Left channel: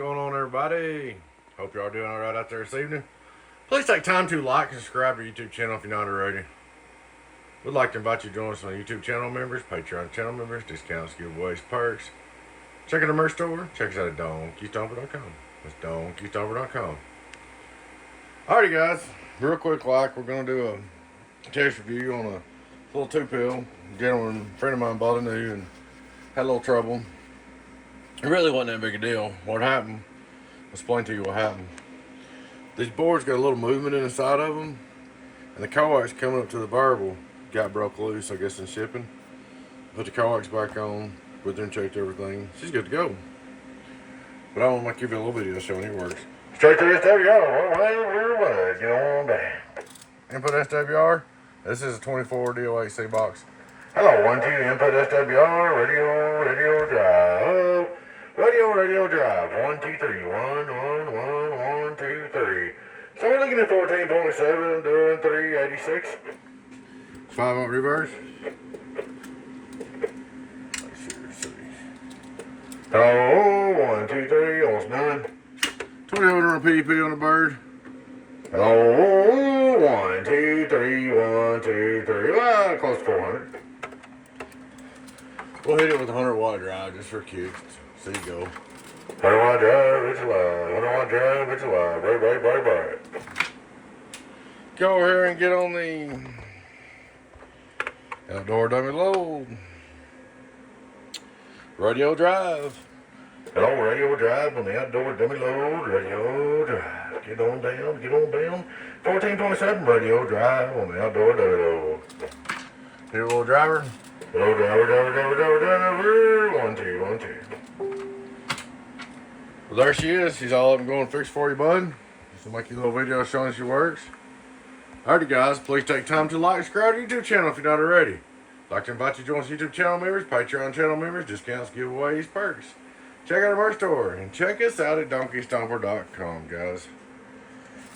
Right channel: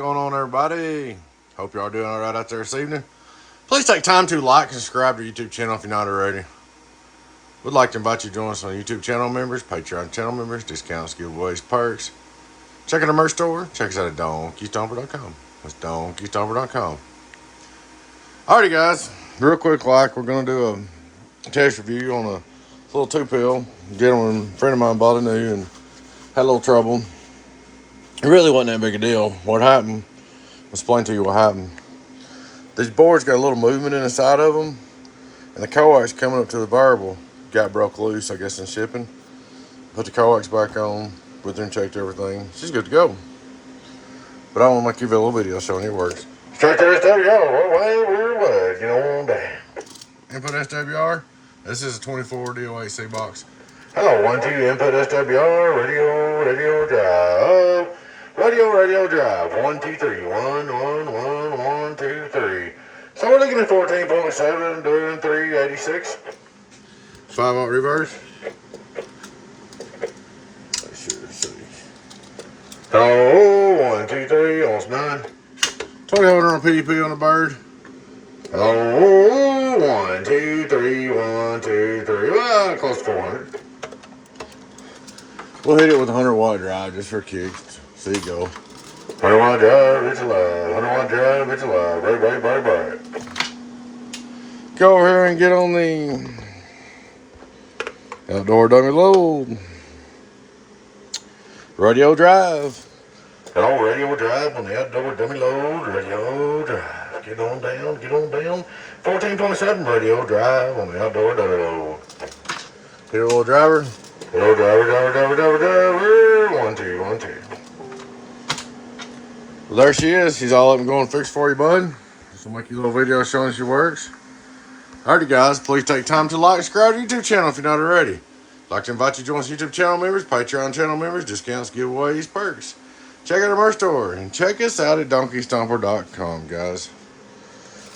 going on, everybody? Hope y'all doing all right out there this evening. Please take time to like and subscribe to our YouTube channel if you're not already. We'd like to invite you to join us on YouTube channel members, Patreon channel members, discounts, giveaways, perks. Check out our merch store. Check us out at DonkeyStomper.com. That's DonkeyStomper.com. Alrighty, guys. Real quick, we're going to do a test review on a little 2-pill. A gentleman, friend of mine, bought a new and had a little trouble. It really wasn't that big a deal. What happened, I'll explain to you what happened. These boards got a little movement in the side of them, and the coax coming up to the variable got broke loose, I guess, in shipping. Put the coax back on, went there and checked everything. She's good to go. But I want to make you a little video showing it works. Straight to SWR, well, we're what, you know, damn. Input SWR, this is a 24 DO8C box. Hello, 1, 2, input SWR, radio drive. Radio drive, 1, 2, 3, 1, 2, 3. So we're looking at 14.7, doing 386. 5-volt reverse. Let's see. Hello, 1, 2, 3, almost done. 20 on PDP on the bird. Hello, 1, 2, 3, 1, 2, 3. Well, close to 400. We'll hit it with a 100-watt drive just for kicks. See you go. 100-watt drive, it's alive. 100-watt drive, it's alive. Right. Go over here and get on the outdoor dummy load. Radio drive. Hello, radio drive on the outdoor dummy load. Radio drive. Get on down. 1427 radio drive on the outdoor dummy load. Hit a little driver. Hello, driver. 1, 2, 1, 2. Well, there she is. She's all up and going fixed for you, bud. This will make you a little video showing she works. Alrighty, guys. Please take time to like and subscribe to our YouTube channel if you're not already. I'd like to invite you to join us YouTube channel members, Patreon channel members, discounts, giveaways, perks. Check out our merch store and check us out at DonkeyStomper.com, guys.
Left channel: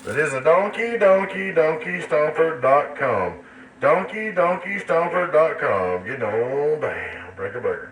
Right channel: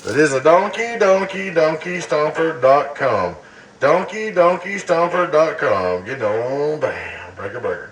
That is a DonkeyStomper.com. DonkeyStomper.com. Get on, bam, break a burger.